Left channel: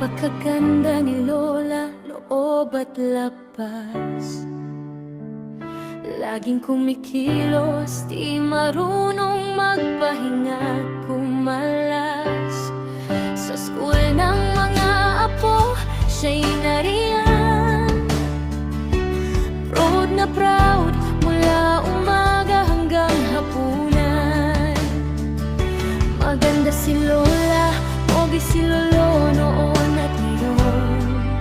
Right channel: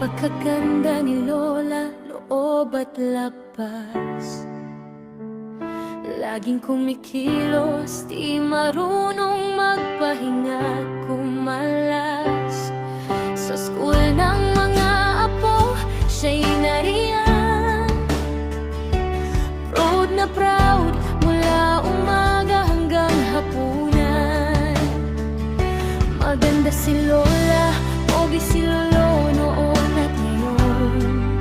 Napakaganda ni Lola, loob at labas. Laging kumikilos, di marunong magpahinga at kumalas. Sa school ng mga apo, siya'y nariyan. Proud na proud, mula umaga hanggang hapunan. Maganda si Lola, pogi si Lolo noon at ngayon.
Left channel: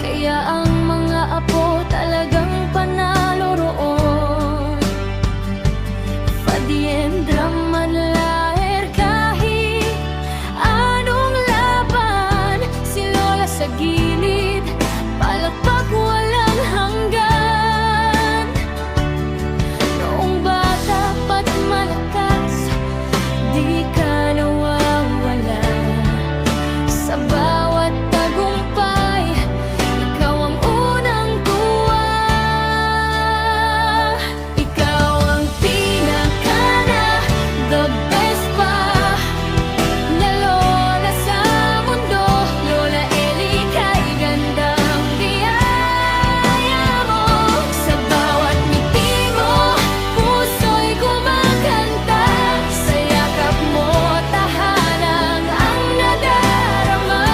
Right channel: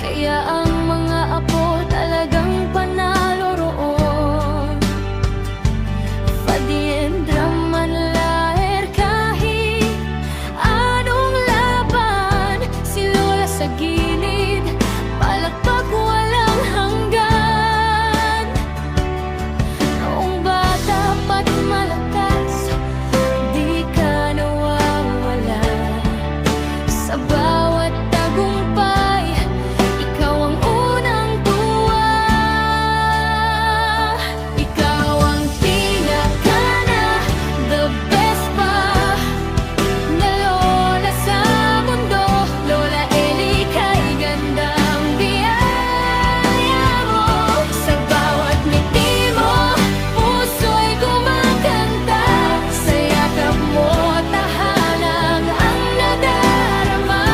Kaya ang mga apo talagang panalo roon. Fadiendra man laher kahit anong laban, si Lola sa gilid, palakpak walang hanggan. Noong bata pa't malakas, di ka nawawala. Sa bawat tagumpay, ikaw ang unang tuwa. Ikaw ang pinaka na, the best pa na Lola sa mundo. Lola Eli, kay gandang biyaya mo. Sa bawat ngiti mo, puso'y kumakanta. Sa yakap mo, tahanang ang nadarama.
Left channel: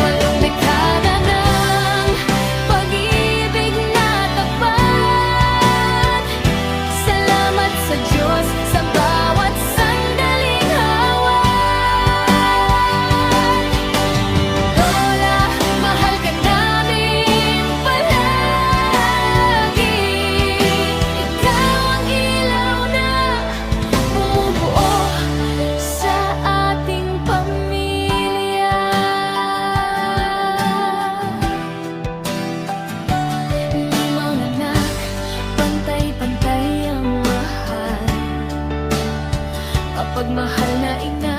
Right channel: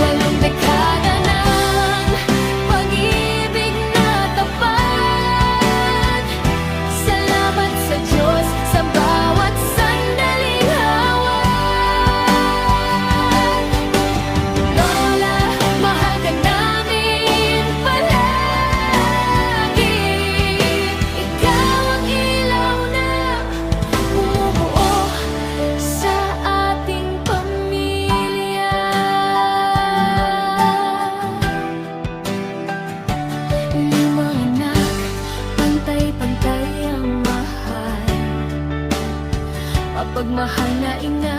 Walong dekada ng pag-ibig na tapat. Salamat sa Diyos sa bawat sandaling hawak. Lola, mahal ka namin palagi. Ikaw ang ilaw na bumubuo sa ating pamilya. Limang anak, pantay-pantay ang mahal. Mapagmahal na ina,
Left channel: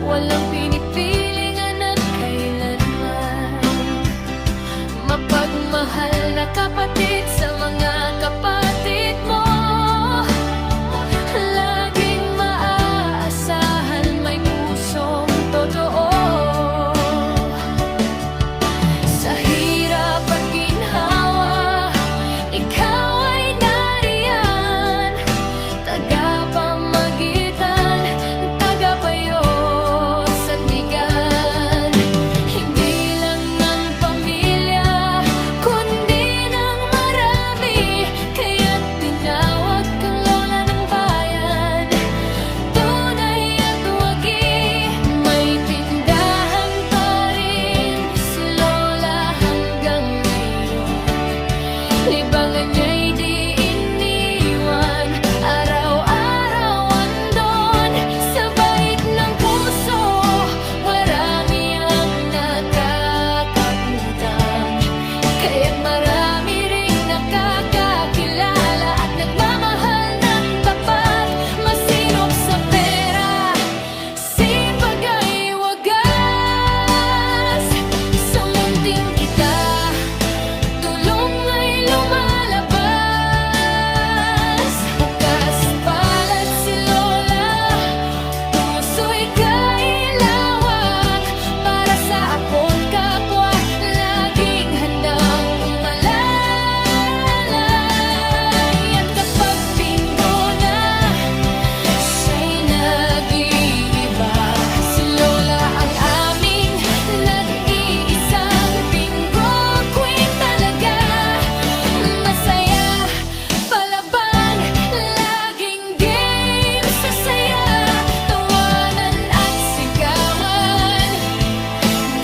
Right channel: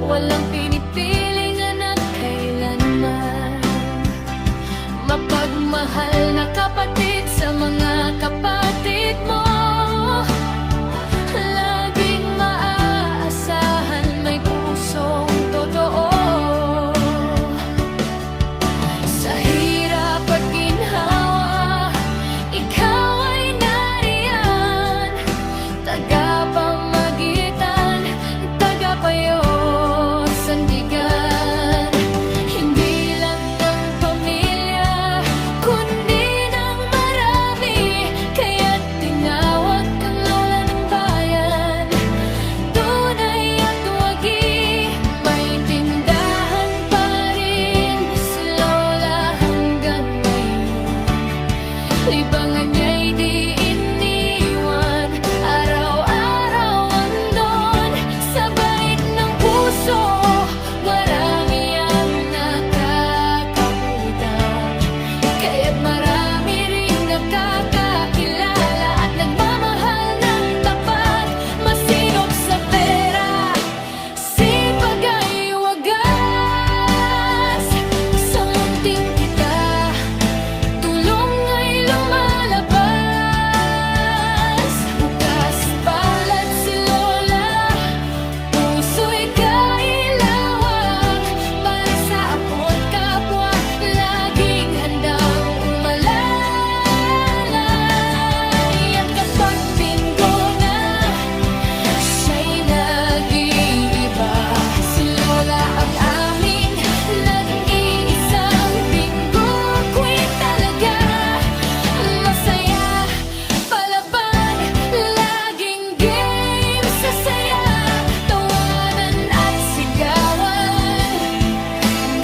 walang pinipiling anak kailanman. Mapagmahal na kapatid sa mga kapatid mo. Laging maaasahan, may pusong totoo. Sa hirap at ginhawa, ikaw ay nariyan. Tagapamagitan, tagapayo, sandigan. Hindi lang ng pamilya, kundi ng marami. Kaya't tinawag kang Lola ng bayan. Tunay at wagi, may tindahan pa rin si Lola hanggang ngayon. Libangan niya'y di iniwan, araw-araw andon. Sa bait ng puso, marami ang nakakautang. Kaya't marami ring nakakakilala at nagmamahal ng tapat. Masinop sa pera, sipag ay wagas. Sa munting kita, tulong ay lumalabas. Bukas palad si Lola, puso'y kailawak. Para sa apo't kapwa, laging handang umalalay. At kapag Bingo na, siya'y nag-iiba. Si Lola ang aming nag-iisang Bingo Queen talaga. Masaya, palaban, laging game sa saya. Tawanan at sigawan,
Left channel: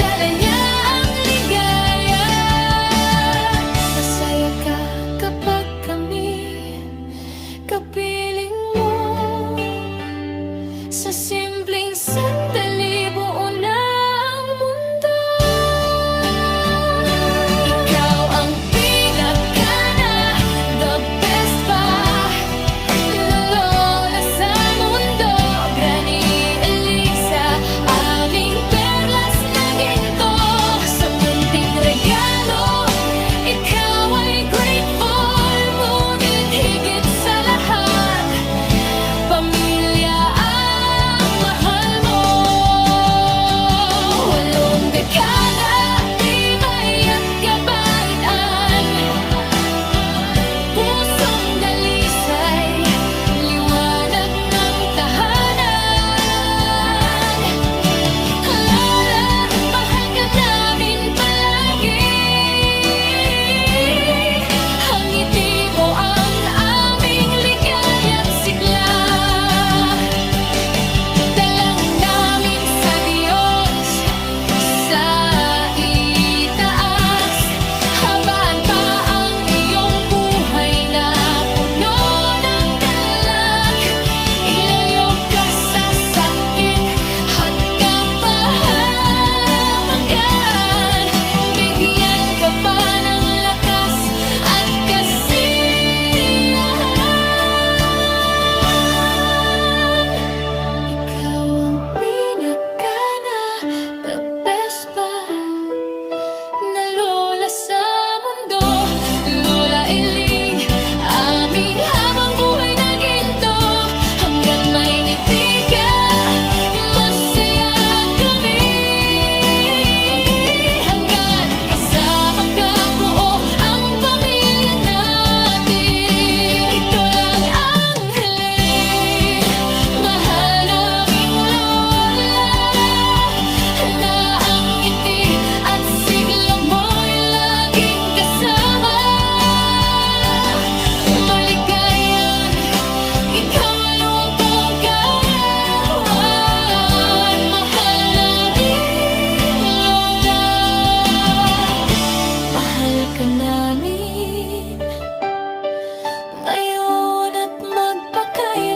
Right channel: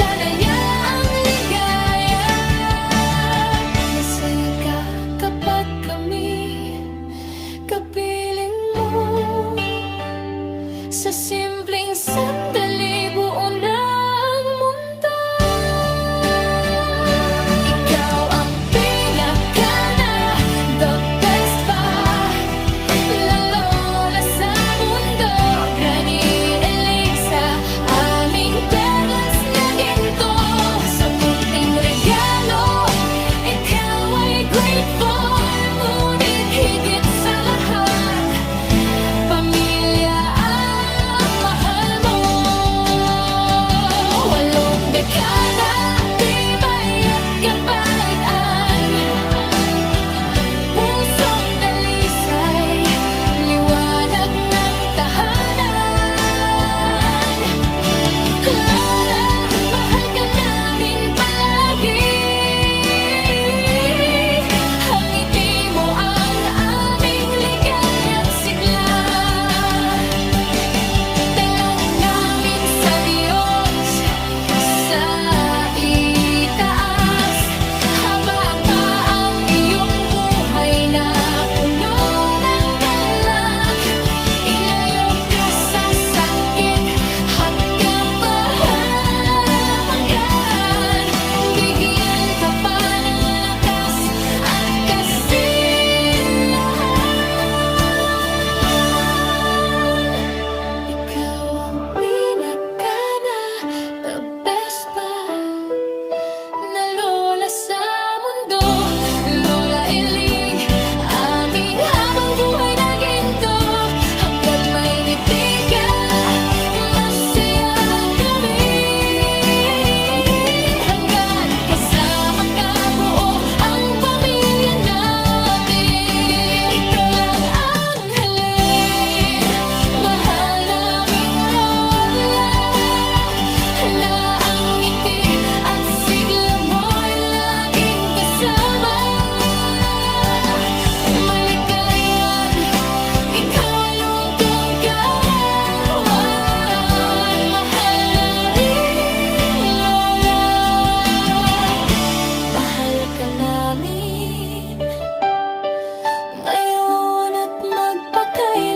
dala niya ang ligaya. Masaya ka kapag kami kapiling mo. Sa simpleng sandali, buo na ang mundo. Ikaw ang pinaka na, the best pa na Lola sa mundo. Granny Elisa, aming perlas na ginto. Sa munting regalo, ikaw ay grateful. Ngunit higit sa lahat, pamilya ang mahal mo. kaya